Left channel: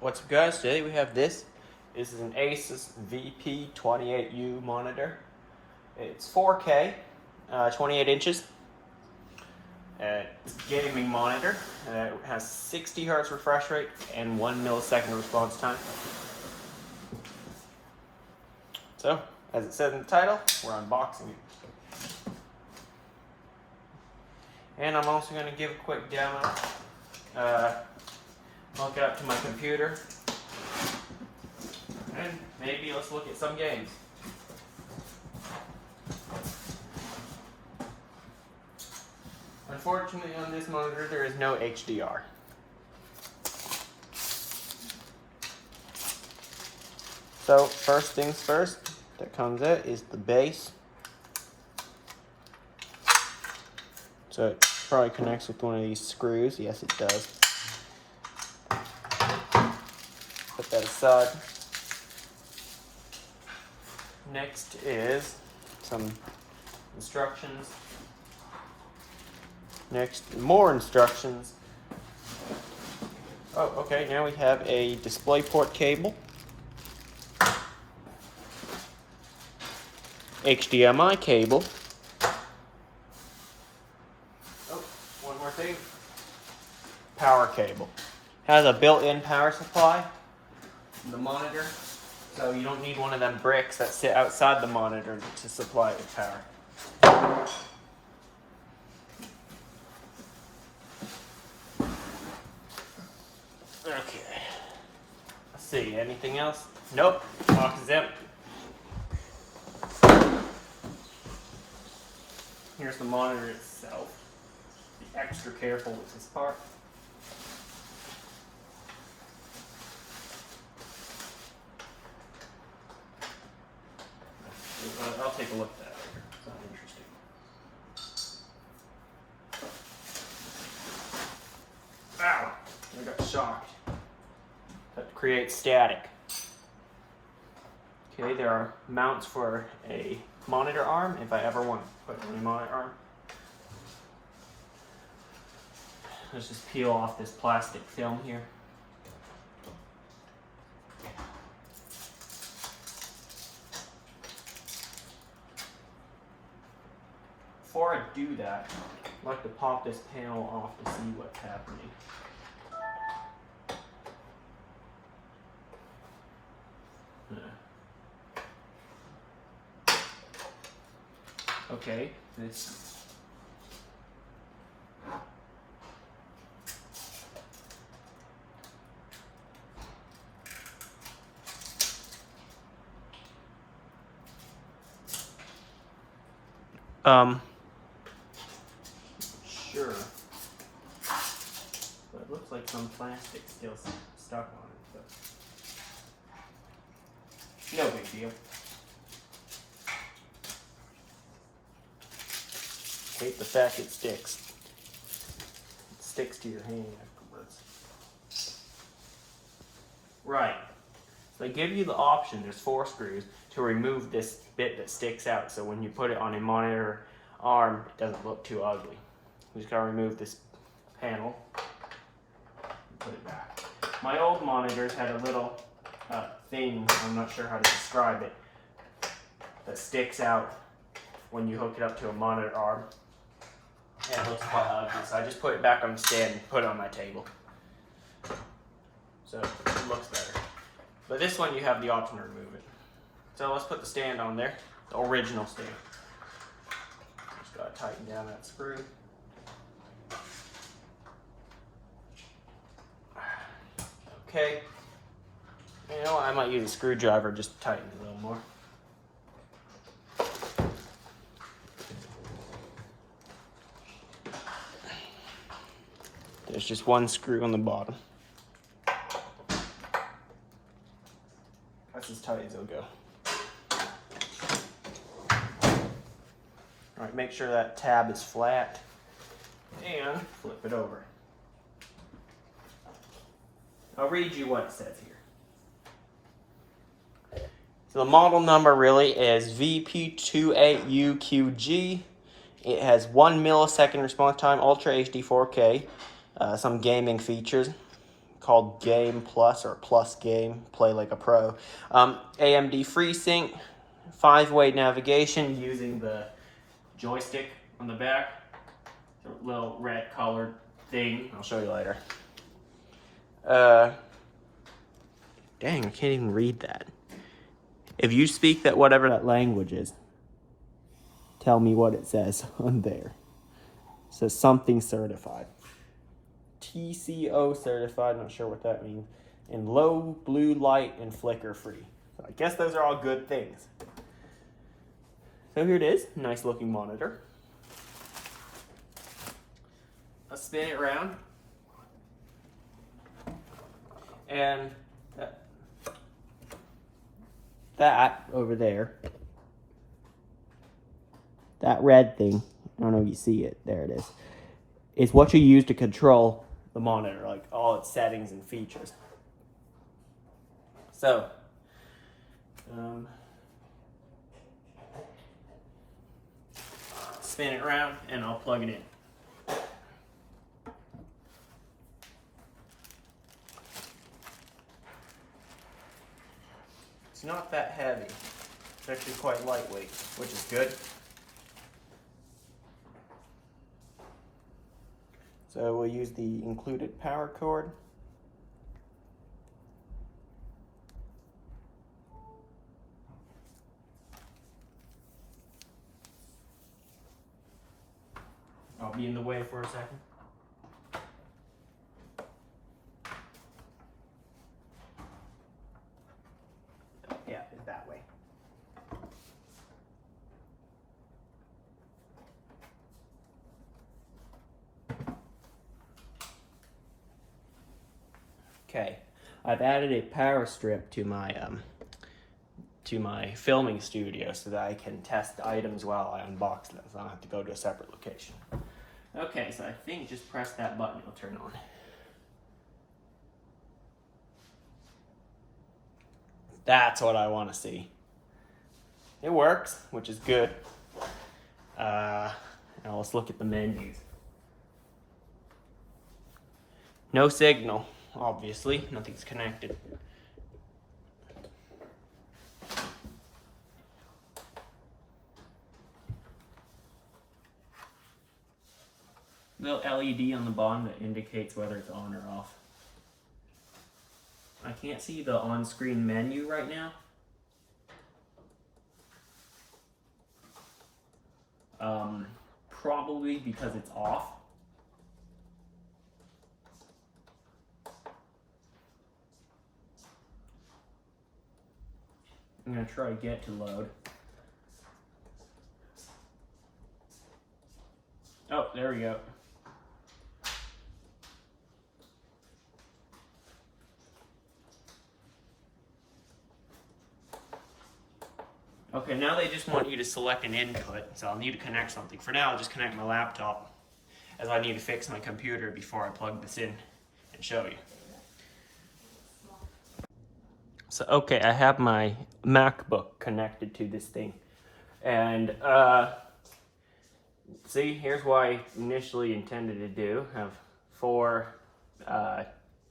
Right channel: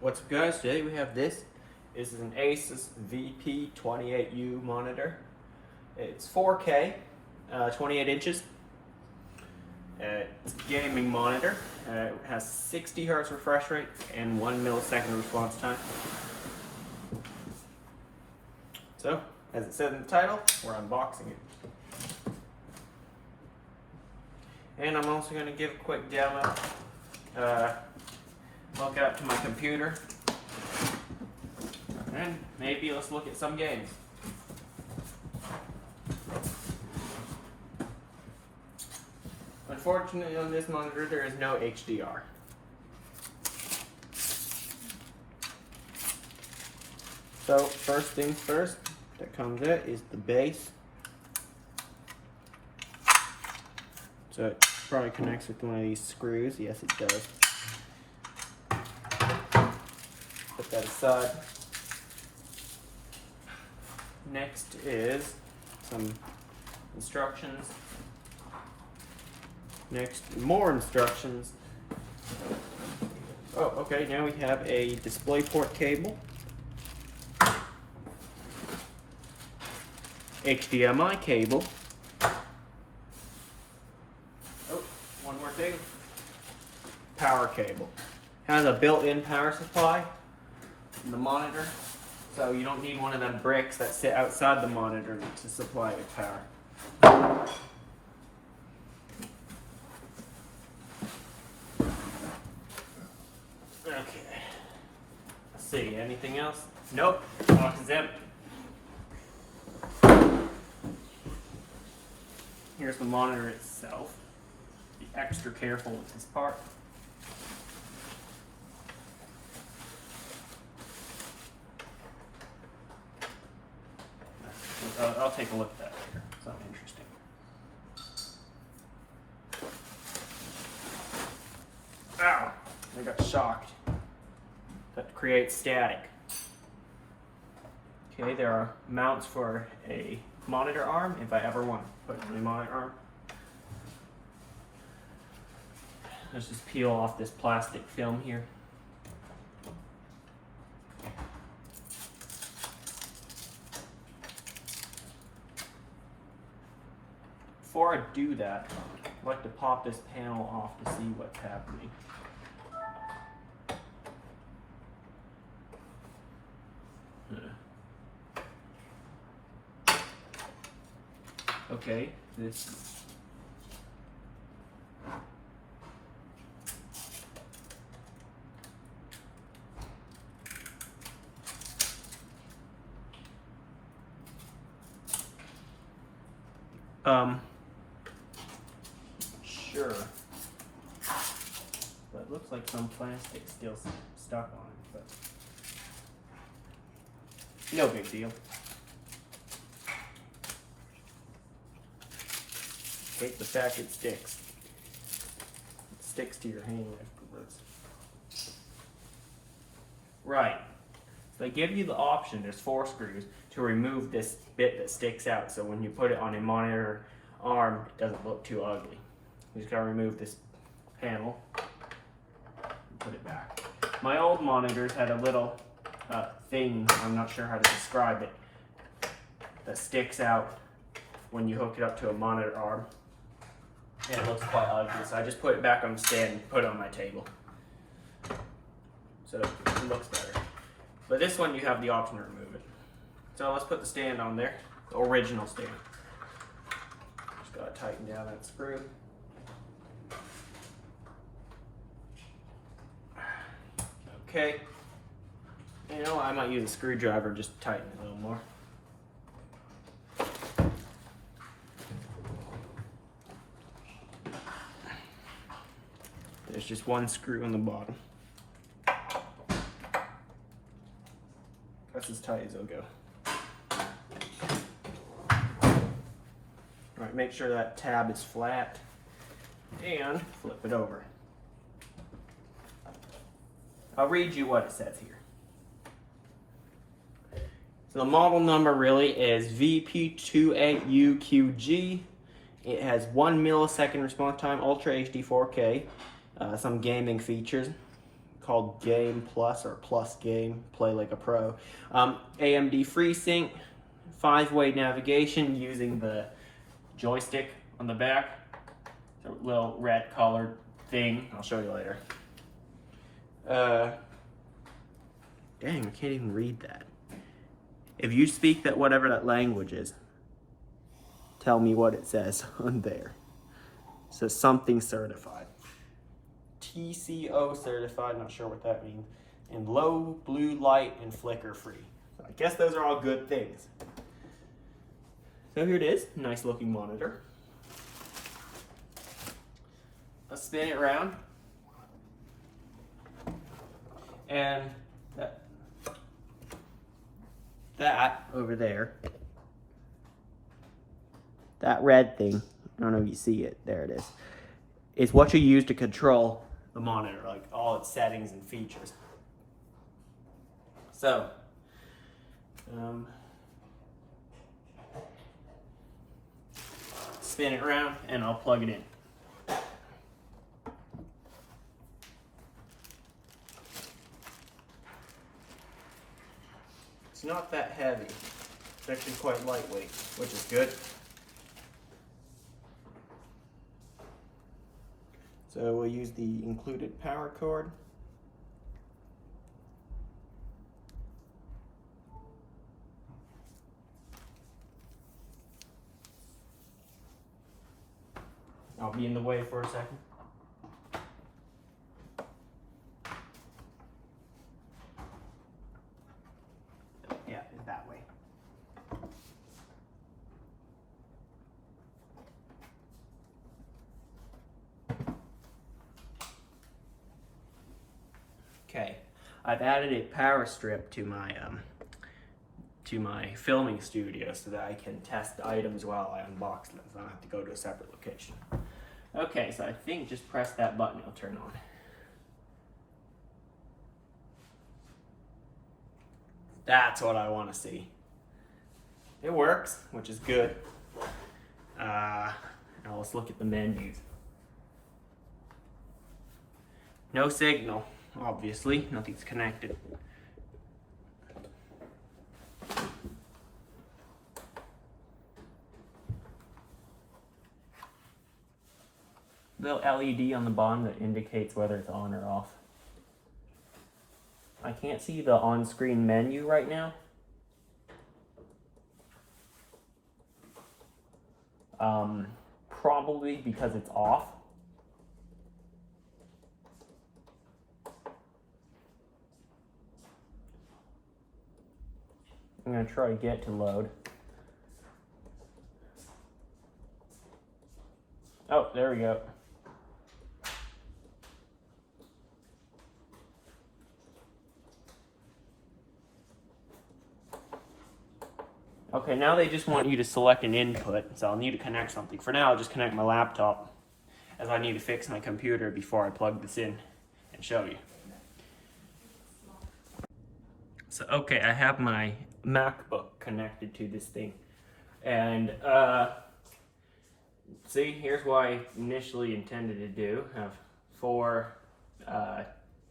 What's up, guys? Today we have this. This is an Asus VP28U monitor. It's 4K, 28 inches. It's a gaming monitor. It has 60 Hz refresh rate and 1 millisecond response time. So, as it said in the title, we're unboxing it. And I'm also going to give a quick demo. Hook it up to my computer, and maybe let's look at some games. Unfortunately, on this monitor there is no HDR. So first things first that comes out is the base. So it probably connects with one of these screws. Yes, it does. Put that aside. Next is some instructions. Next, more instructions. Oh, okay, now we have a DisplayPort cable, HDMI cable. Oh, one more thing. Power cable. Has a built-in power supply. The monitor, so you don't need one of them bricks that sit outside the monitor to supply it with power. Okay. Let's see, anything else? Nope, box is empty. Here's the monitor itself. Be extra careful with this part. I'll take a look at that later. Something interesting. Ow! I got shocked. That creates static. Okay, there are mounts for a monitor arm if I ever want to put a monitor arm. Let's just peel off this plastic film here. Before I do that, I'd like to pop this panel off to see what's happening. Okay, this. Sure. But it looks like some plastic still stuck on it, but no big deal. Hate the fact it sticks. It sticks to your hand afterwards. Right. So they give you the option, there's 4 screws, to remove this bit that sticks out, so when you put it on a monitor arm, it doesn't look too ugly. We just gotta remove this panel and put it back. My old monitors had a little thing, I'm not sure how to describe it, that sticks out when you hook it up to a monitor arm. And it looks quite ugly, so I just put it back on the stand and put it on my table. So it looks better. But this one you have the option to remove it. So let's put the stand on there, the original stand. Just gotta tighten down that screw. Okay. You know, I might use a screwdriver just to tighten it a little more. There's just one screw on the bottom. That's as tight as it'll go. Alright, make sure that tab is flat and flip it over. I'll read you what it says here. So the model number really is VP28UQG. It has 1 millisecond response time, Ultra HD 4K, some gaming features. called Game Plus or Plus Game, play like a pro. AMD FreeSync, 5-way navigation using the joystick on the back. It's a little red colored thing. I'll show you later. Dang, I can't even read that. If you speak that whatever that language is, tell me what it says on there. It says something certified. TCO certified, not sure what that means. And low blue light and flicker free. So I guess those are all good things. So here it is, nice looking monitor. Let's spin it around. And that over there, that red thing, I don't know if you see it, there it is what you use to control the monitor, like all its settings and features. So, spin it around and I'll plug it in. It's not that heavy. It's actually quite lightweight, which is good. So we'll use the included power cord. I'll be in the way for a second. Yeah, it's that way. Okay, I've added a power strip to my filming studio so that I can test the items while I unbox them, so I don't have to go to a separate location. Okay, so I think just press that button, it'll turn on. That's what I want to see. It works, which is good. Now let's look at the menus. No signal, obviously, nothing's connected. Little LED on the bottom that indicates whether it's on or off. I can't see the on-screen menu right now. Probably because it's off. I'm gonna try to get to load. Oh, there we go. Okay, now they just want you to select an input, so I'll need to connect something. For now, I'll just connect my laptop, as I need to fix my computer before I plug this in and show you. So, okay, I have my MacBook connected to this thing. And, see, here's what I initially intended to do. Have 4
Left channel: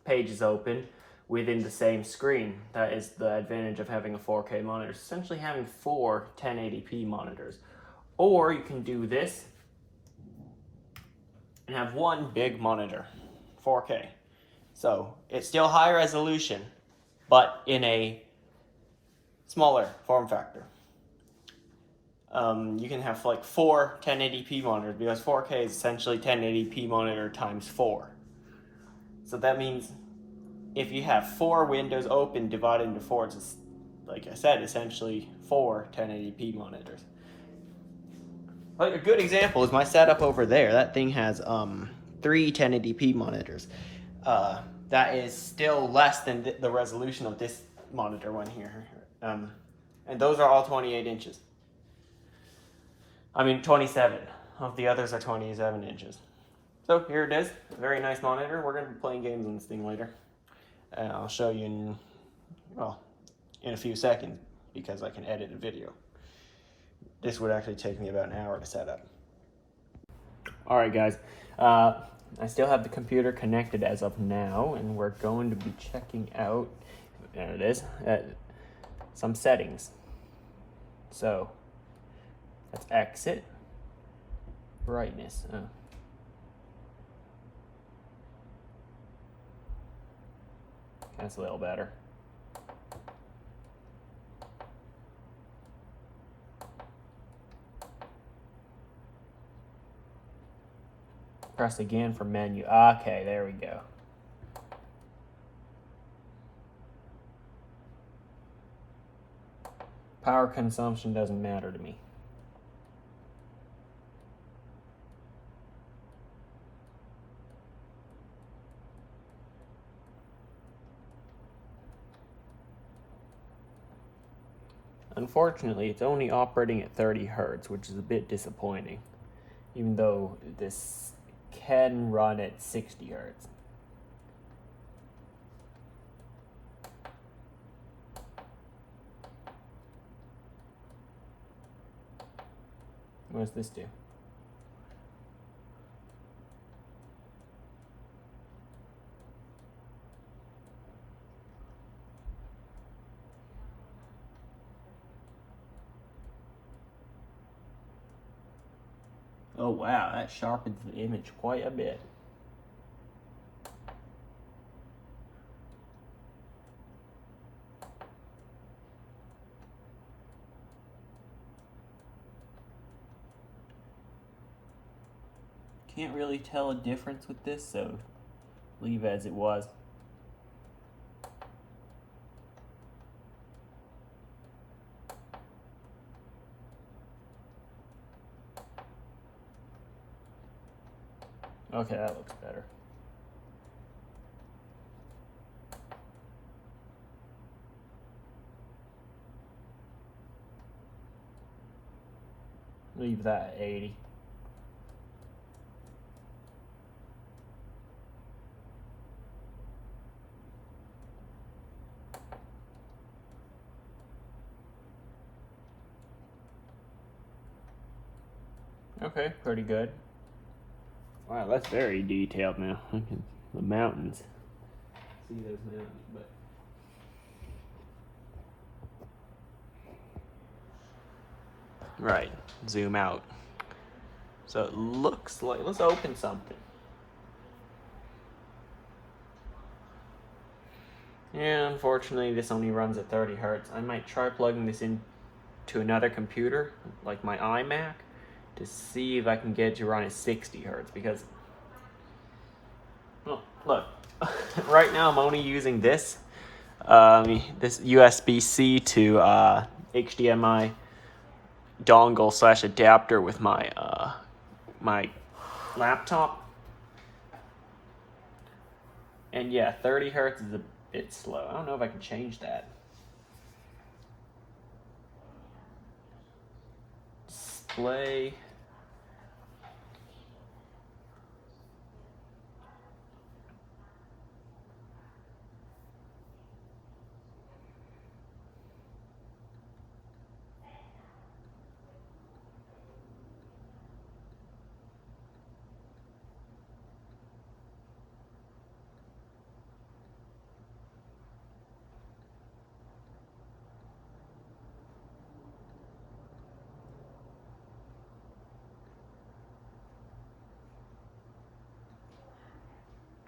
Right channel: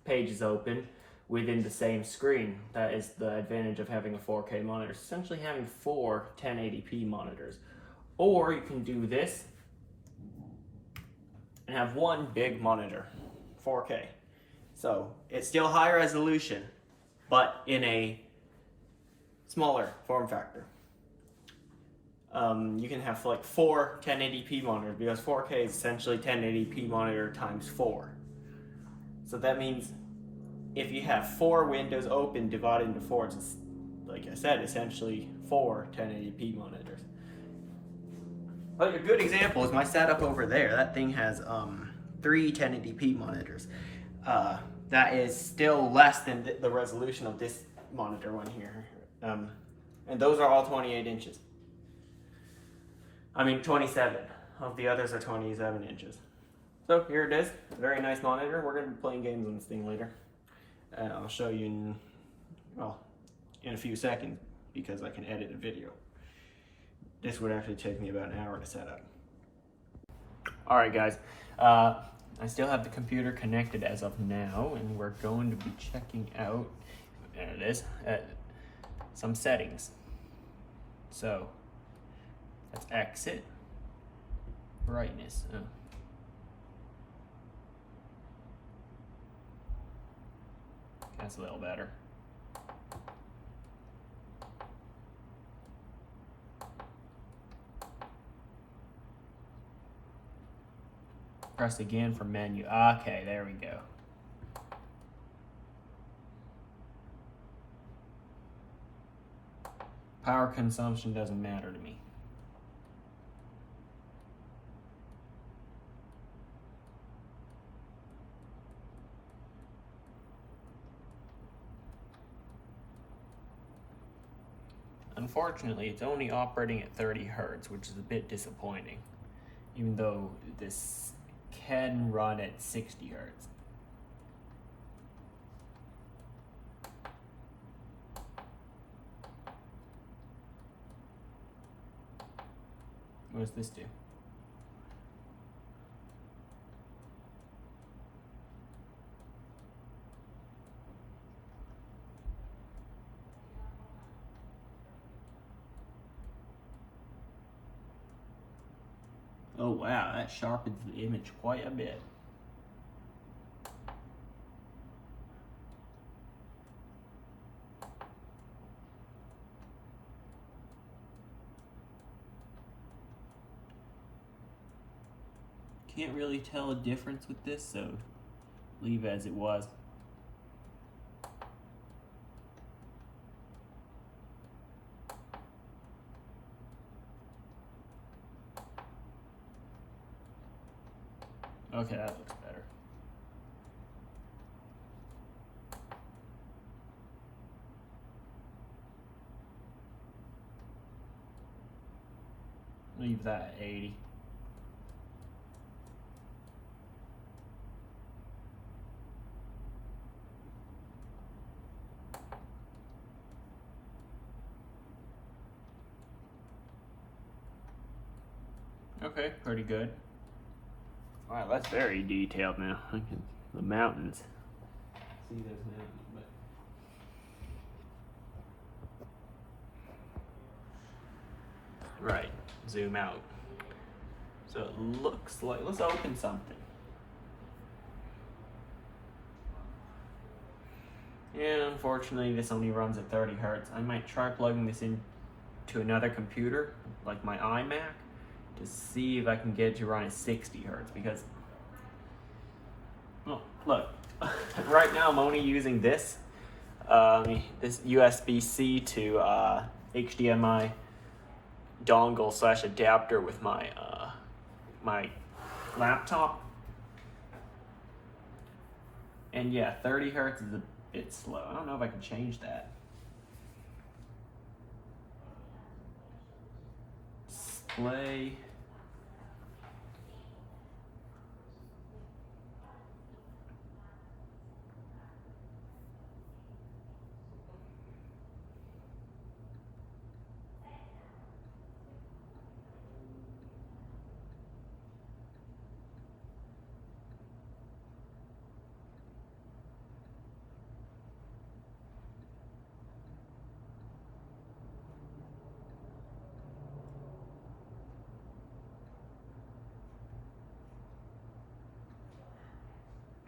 pages open within the same screen. That is the advantage of having a 4K monitor. It's essentially having 4 1080p monitors. Or you can do this and have one big monitor, 4K. So it's still high resolution, but in a smaller form factor. You can have like 4 1080p monitors because 4K is essentially 1080p monitor times 4. So that means if you have 4 windows open divided into 4, it's, like I said, essentially 4 1080p monitors. But a good example is my setup over there. That thing has 3 1080p monitors. That is still less than the resolution of this monitor one here. And those are all 28 inches. I mean 27. Of the others are 27 inches. So here it is, a very nice monitor. We're going to be playing games on this thing later. And I'll show you in a few seconds because I can edit a video. This would actually take me about an hour to set up. Alright guys, I still have the computer connected as of now, and we're going to be checking out, there it is, some settings. So let's exit. Brightness. Oh. That's a little better. Press again for menu. Okay, there we go. Power consumption doesn't matter to me. Unfortunately, it's only operating at 30 Hertz, which is a bit disappointing, even though this can run at 60 Hertz. What does this do? Oh wow, that sharpens the image quite a bit. Can't really tell a difference with this, so leave as it was. Okay, that looks better. Leave that at 80. Okay, pretty good. Wow, that's very detailed now. The mountains. See those mountains, but right, zoom out. So it looks like, let's open something. Yeah, unfortunately this only runs at 30 Hertz. I might try plugging this into another computer, like my iMac, to see if I can get it to run at 60 Hertz, because, well, look, right now I'm only using this, this USB-C to HDMI dongle / adapter with my my laptop, and yeah, 30 Hertz is a bit slow. I don't know if I can change that. Display.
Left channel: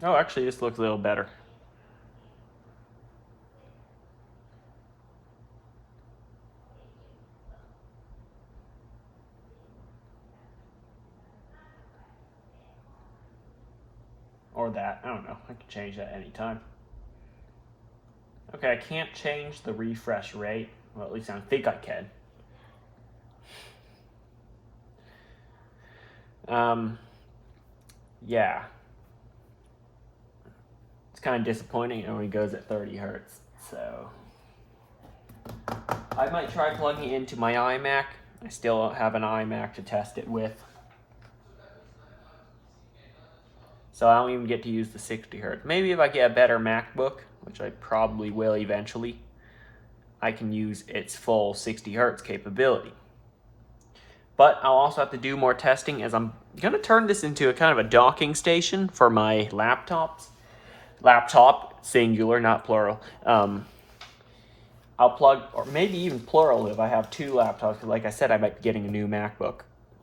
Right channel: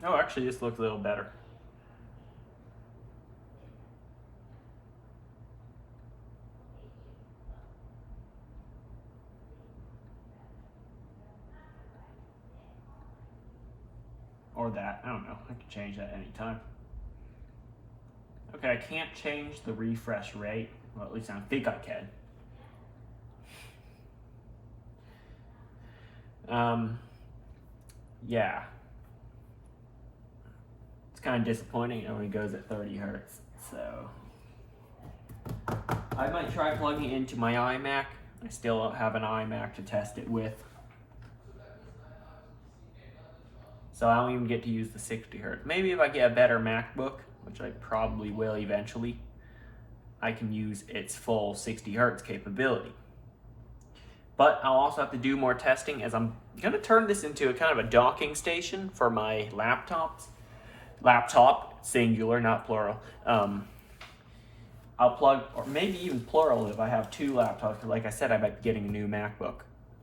Oh, actually, this looks a little better. Or that, I don't know. I can change that anytime. Okay, I can't change the refresh rate. Well, at least I think I can. Yeah. It's kind of disappointing. It only goes at 30 Hertz, so I might try plugging it into my iMac. I still don't have an iMac to test it with, so I don't even get to use the 60 Hertz. Maybe if I get a better MacBook, which I probably will eventually, I can use its full 60 Hertz capability. But I'll also have to do more testing, as I'm going to turn this into a kind of a docking station for my laptops. Laptop, singular, not plural. I'll plug, or maybe even plural if I have two laptops, because like I said, I might be getting a new MacBook.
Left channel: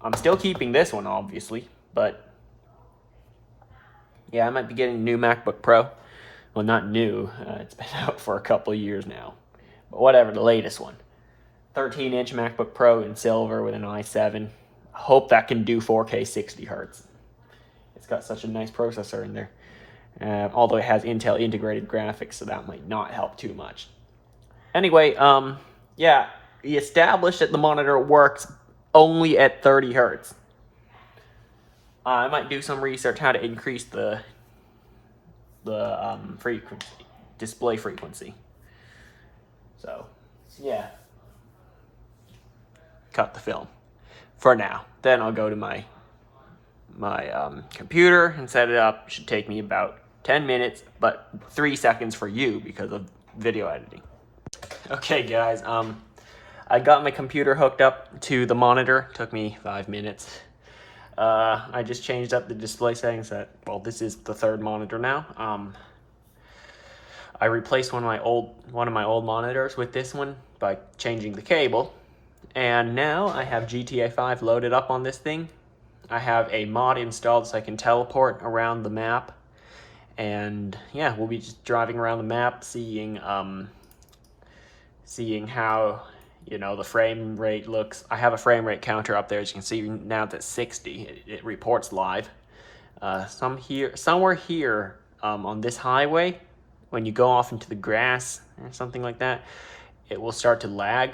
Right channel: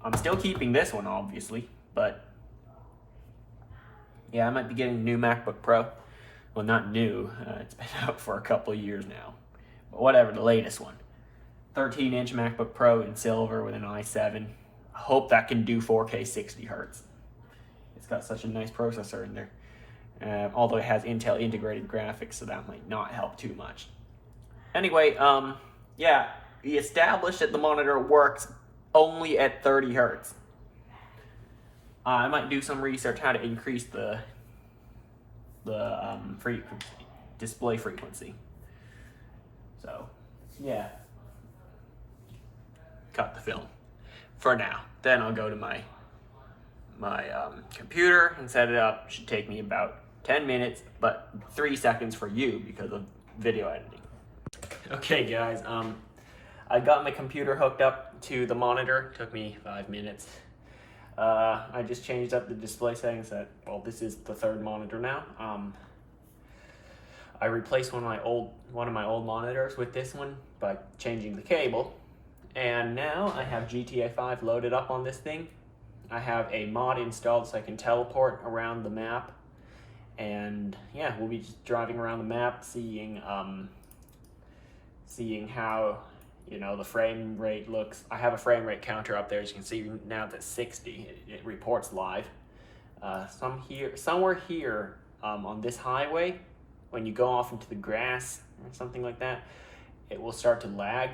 I'm still keeping this one, obviously, but yeah, I might be getting a new MacBook Pro. Well, not new, it's been out for a couple of years now. But whatever, the latest one. 13-inch MacBook Pro in silver with an i7. I hope that can do 4K 60 Hertz. It's got such a nice processor in there. Although it has Intel integrated graphics, so that might not help too much. Anyway, yeah, we established that the monitor works only at 30 Hertz. I might do some research how to increase the frequency, display frequency. So, yeah. Cut the film for now. Then I'll go to my computer and set it up. Should take me about 10 minutes, but 3 seconds for you because of video editing. Okay, guys. I got my computer hooked up to the monitor. Took me 5 minutes. I just changed up the display settings. Well, this is the third monitor now. I replaced one of my old monitors with this one by changing the cable. And now I have GTA 5 loaded up on this thing. I have a mod installed so I can teleport around the map. And yeah, we'll be just driving around the map, seeing how, you know, the frame rate looks. I have a frame rate counter up there. As you can see now it's at 60. It reports live. Somewhere here on this highway, when you go off into the grass or something like that, it will start to lag.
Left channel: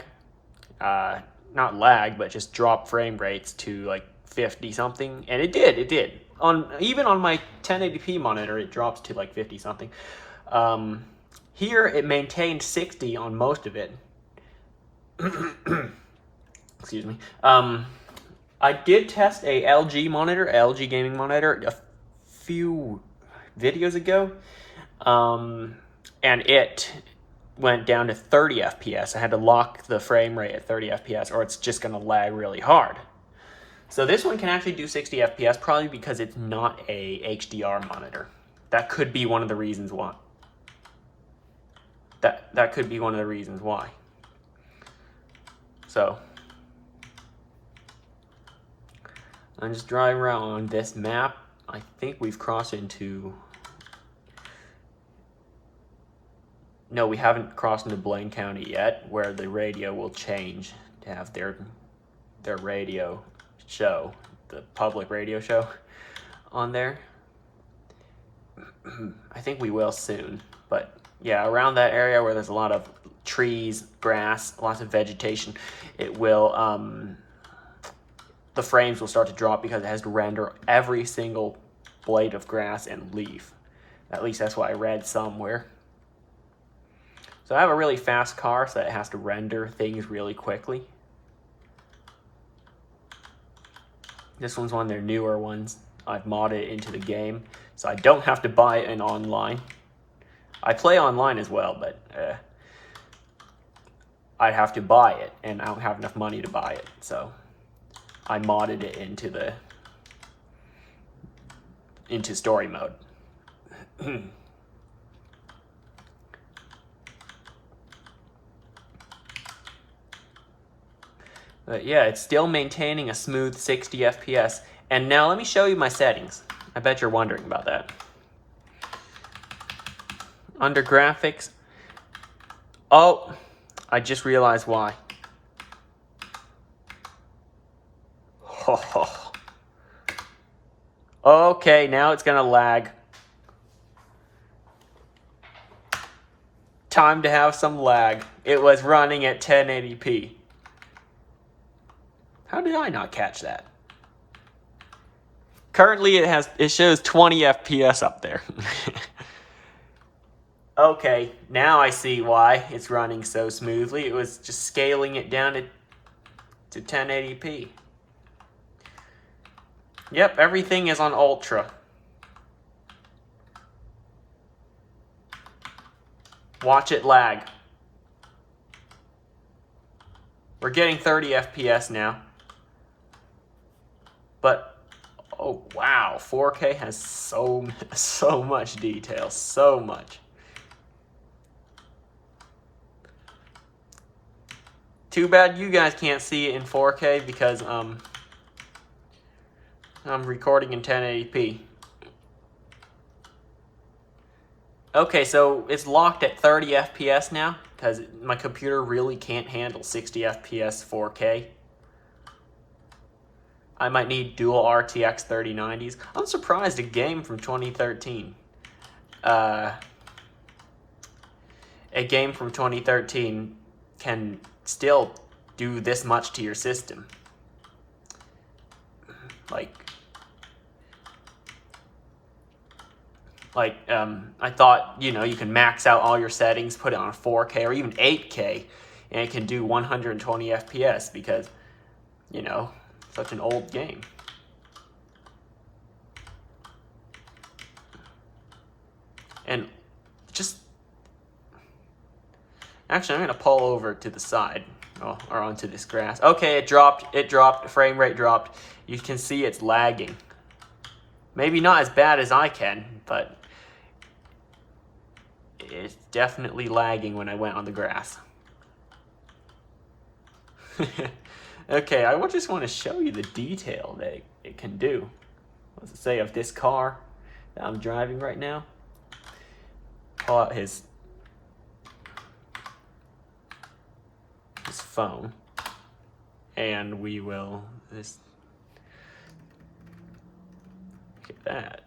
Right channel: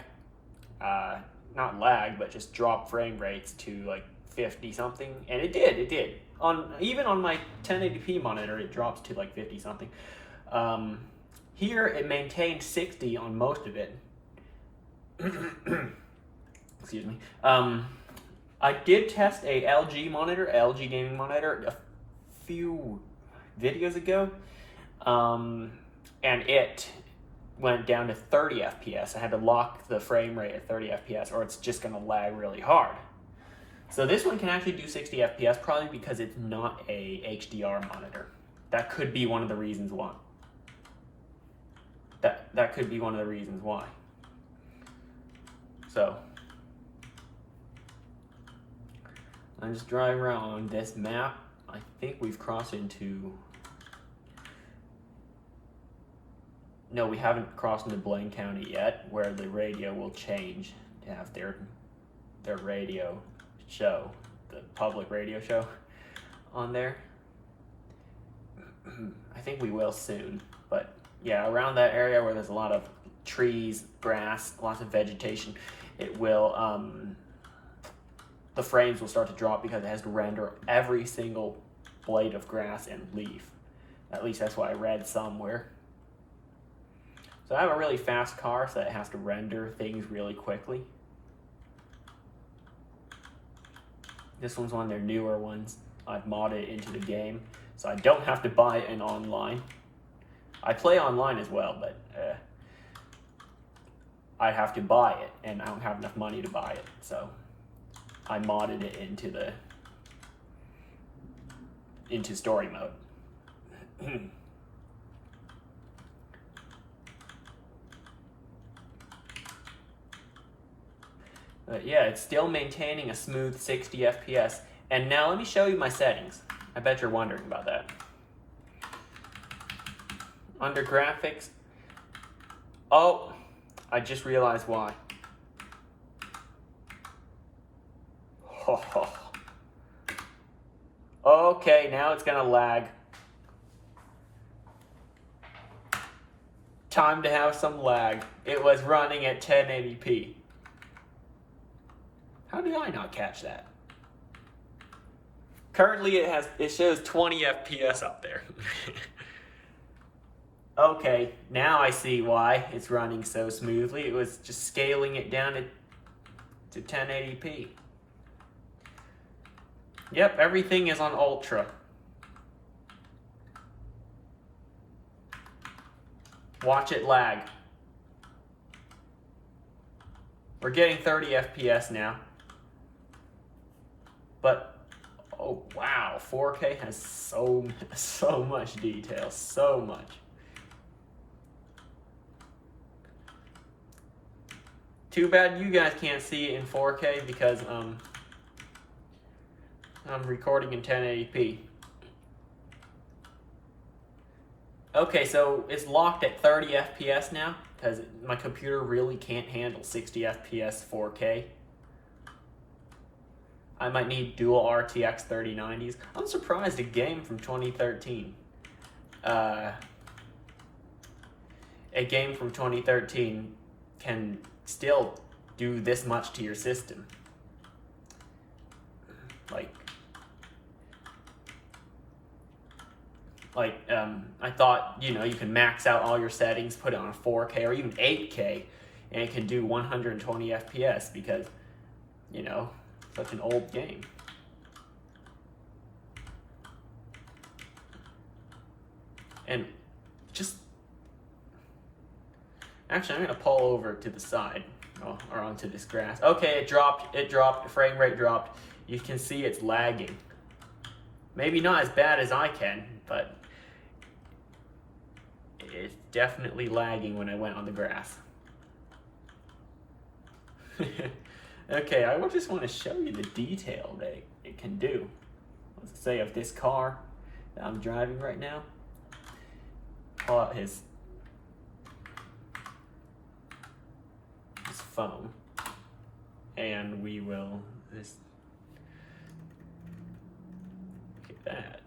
Not lag, but just drop frame rates to like 50 something, and it did. Even on my 1080p monitor, it drops to like 50 something. Here it maintained 60 on most of it. Excuse me. I did test a LG gaming monitor, a few videos ago, and it went down to 30 FPS. I had to lock the frame rate at 30 FPS or it's just gonna lag really hard. So this one can actually do 60 FPS, probably because it's not a HDR monitor. That could be one of the reasons why. That could be one of the reasons why. So I'm just driving around on this map. I think we've crossed into... No, we haven't crossed into Blaine County yet, where the radio will change to have their radio show, the public radio show on there. I think we will soon, but yeah, around that area where there's a lot of trees, grass, lots of vegetation, it will, the frames will start to drop because it has to render every single blade of grass and leaf. At least that's what I read somewhere. So I have a really fast car, so it has to render things really quickly. This one's one of their newer ones. I've modded it into the game, so I don't have to buy it in online. I play online as well, but I'd have to buy it, and I don't have enough money to buy it, so I modded it into story mode. But yeah, it's still maintaining a smooth 60 FPS. And now let me show you my settings. I bet you're wondering about that. Under graphics, oh, I just realized why. Okay, now it's gonna lag. Time to have some lag. It was running at 1080p. How did I not catch that? Currently it shows 20 FPS up there. Okay, now I see why it's running so smoothly. It was just scaling it down to 1080p. Yep, everything is on ultra. Watch it lag. We're getting 30 FPS now. But oh wow, 4K has so much detail, so much. Too bad you guys can't see it in 4K because I'm recording in 1080p. Okay, so it's locked at 30 FPS now because my computer really can't handle 60 FPS 4K. I might need dual RTX 3090s. I'm surprised a game from 2013. A game from 2013 can still do this much to your system. I thought, you know, you can max out all your settings, put it on 4K or even 8K, and it can do 120 FPS because, you know, such an old game. And just, actually, I'm gonna pull over to the side, or onto this grass. Okay, it dropped, frame rate dropped. You can see it's lagging. Maybe not as bad as I can, but it's definitely lagging when I went on the grass. Okay, I just want to show you the detail that it can do. Let's say of this car that I'm driving right now. Pull out his phone, and we will just look at that.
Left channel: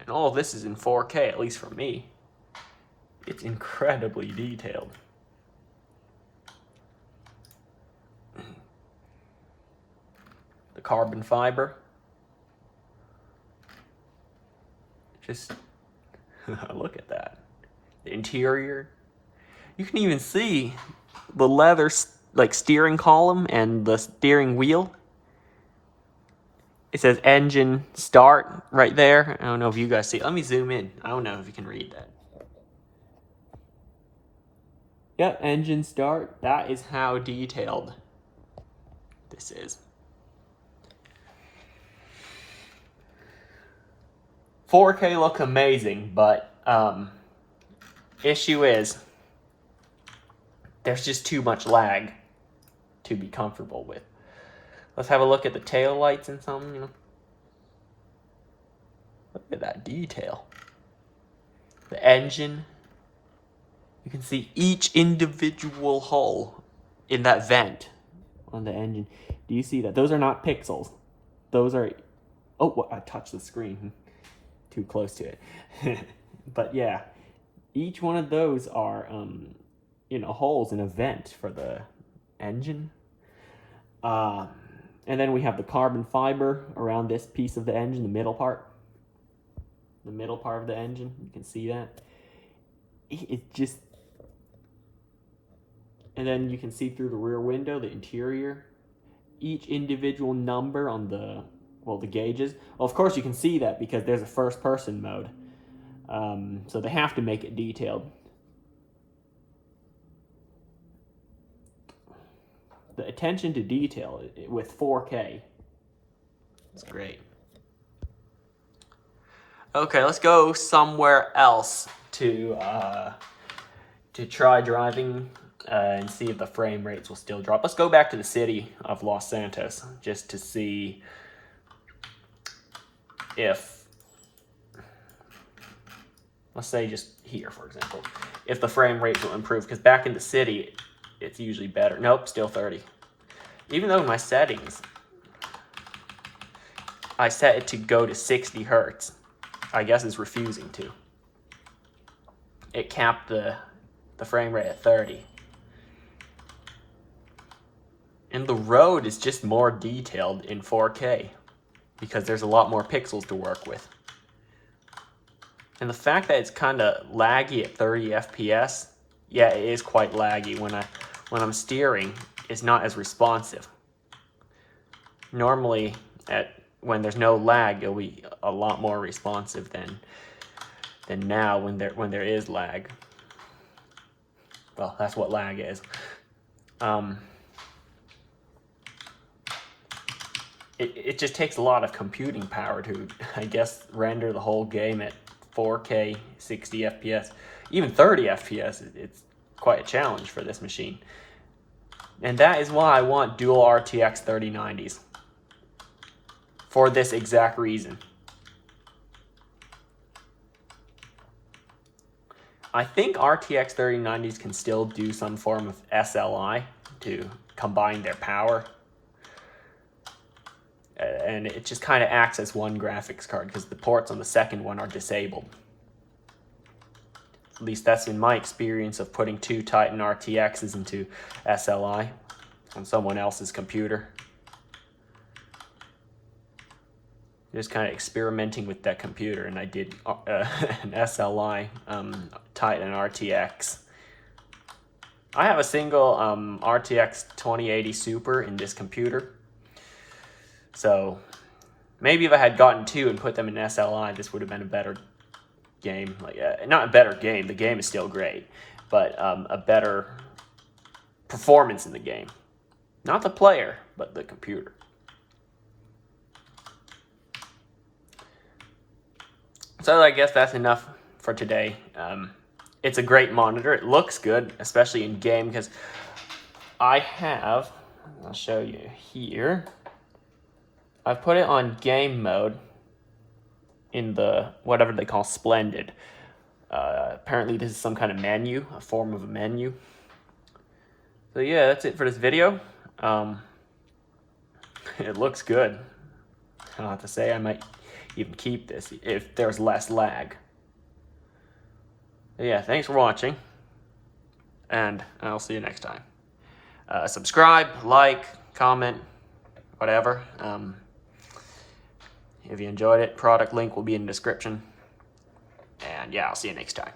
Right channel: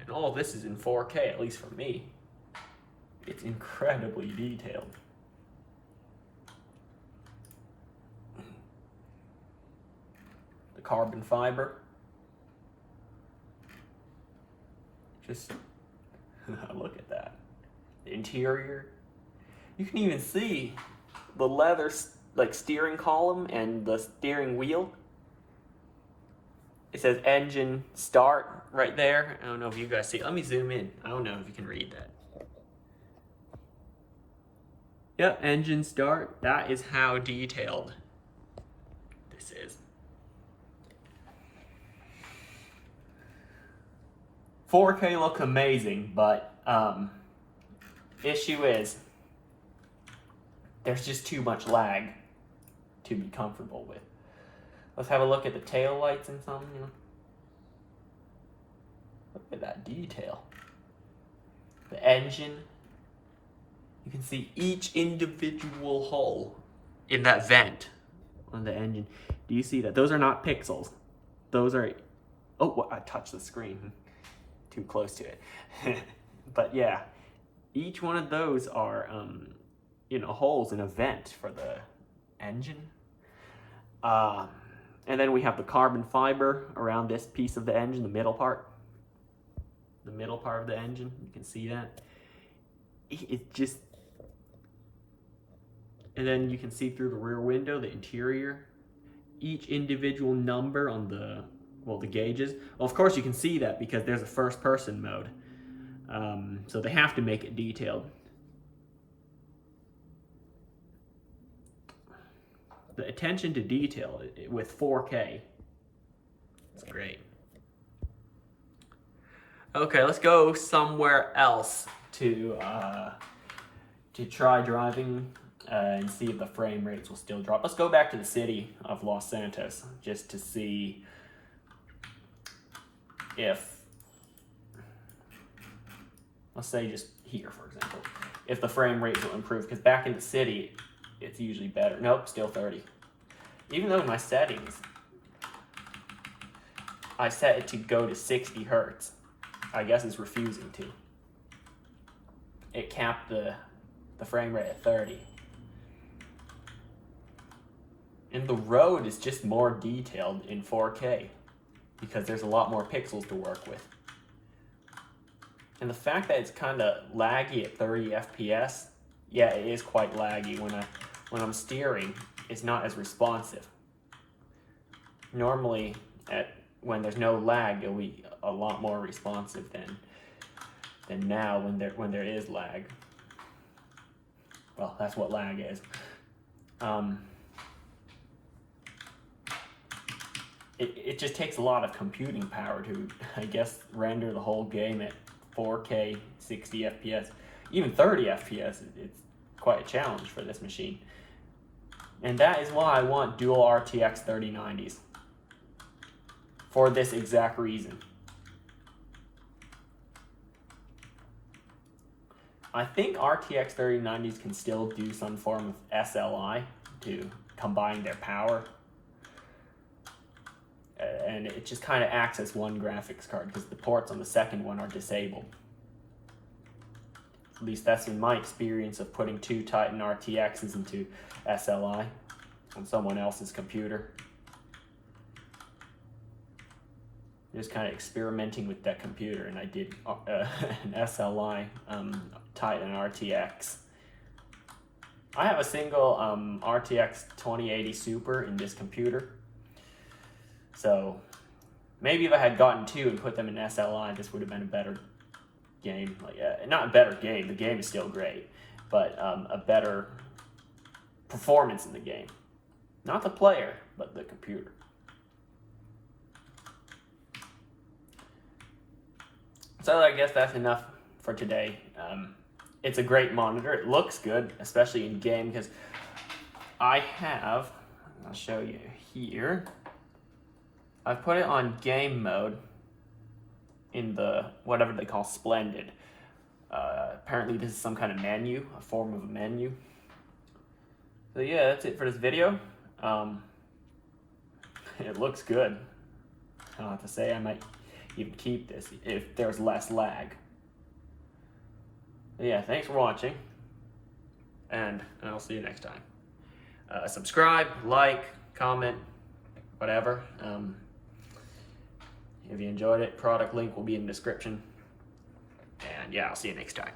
And all this is in 4K, at least for me. It's incredibly detailed. The carbon fiber. Just look at that. The interior. You can even see the leather steering column and the steering wheel. It says engine start right there. I don't know if you guys see it. Let me zoom in. I don't know if you can read that. Yep, engine start. That is how detailed this is. 4K look amazing, but issue is there's just too much lag to be comfortable with. Let's have a look at the tail lights and something, you know. Look at that detail. The engine. You can see each individual hole in that vent on the engine. Do you see that? Those are not pixels. Those are... Oh, well, I touched the screen. Too close to it. But yeah, each one of those are, you know, holes in a vent for the engine. And then we have the carbon fiber around this piece of the engine, the middle part. The middle part of the engine, you can see that. It's just... And then you can see through the rear window, the interior. Each individual number on the, well, the gauges. Well, of course you can see that because there's a first person mode. So they have to make it detailed. The attention to detail with 4K. It's great. Okay, let's go somewhere else to try driving and see if the frame rates will still drop. Let's go back to the city of Los Santos just to see if, let's say just here, for example, if the frame rate will improve, because back in the city, it's usually better. Nope, still 30. Even though my settings, I set it to go to 60 Hertz. I guess it's refusing to. It capped the frame rate at 30. And the road is just more detailed in 4K because there's a lot more pixels to work with. And the fact that it's kind of laggy at 30 FPS, yeah, it is quite laggy. When I'm steering, it's not as responsive. Normally, when there's no lag, it'll be a lot more responsive than now when there is lag. Well, that's what lag is. it just takes a lot of computing power to, I guess, render the whole game at 4K, 60 FPS, even 30 FPS. It's quite a challenge for this machine. And that is why I want dual RTX 3090s. For this exact reason. I think RTX 3090s can still do some form of SLI to combine their power. And it just kind of acts as one graphics card because the ports on the second one are disabled. At least that's in my experience of putting 2 Titan RTXs into SLI on someone else's computer. Just kind of experimenting with that computer, and I did an SLI Titan RTX. I have a single RTX 2080 Super in this computer. So maybe if I had gotten 2 and put them in SLI, this would have been a better game. Like not a better game, the game is still great, but a better performance in the game. Not the player, but the computer. So I guess that's enough for today. It's a great monitor. It looks good, especially in game, because I have, I'll show you here. I've put it on game mode in the whatever they call Splendid. Apparently this is some kind of menu, a form of a menu. So yeah, that's it for this video. It looks good. I'll have to say I might even keep this if there's less lag. But yeah, thanks for watching, and I'll see you next time. Subscribe, like, comment, whatever. If you enjoyed it, product link will be in the description. And yeah, I'll see you next time.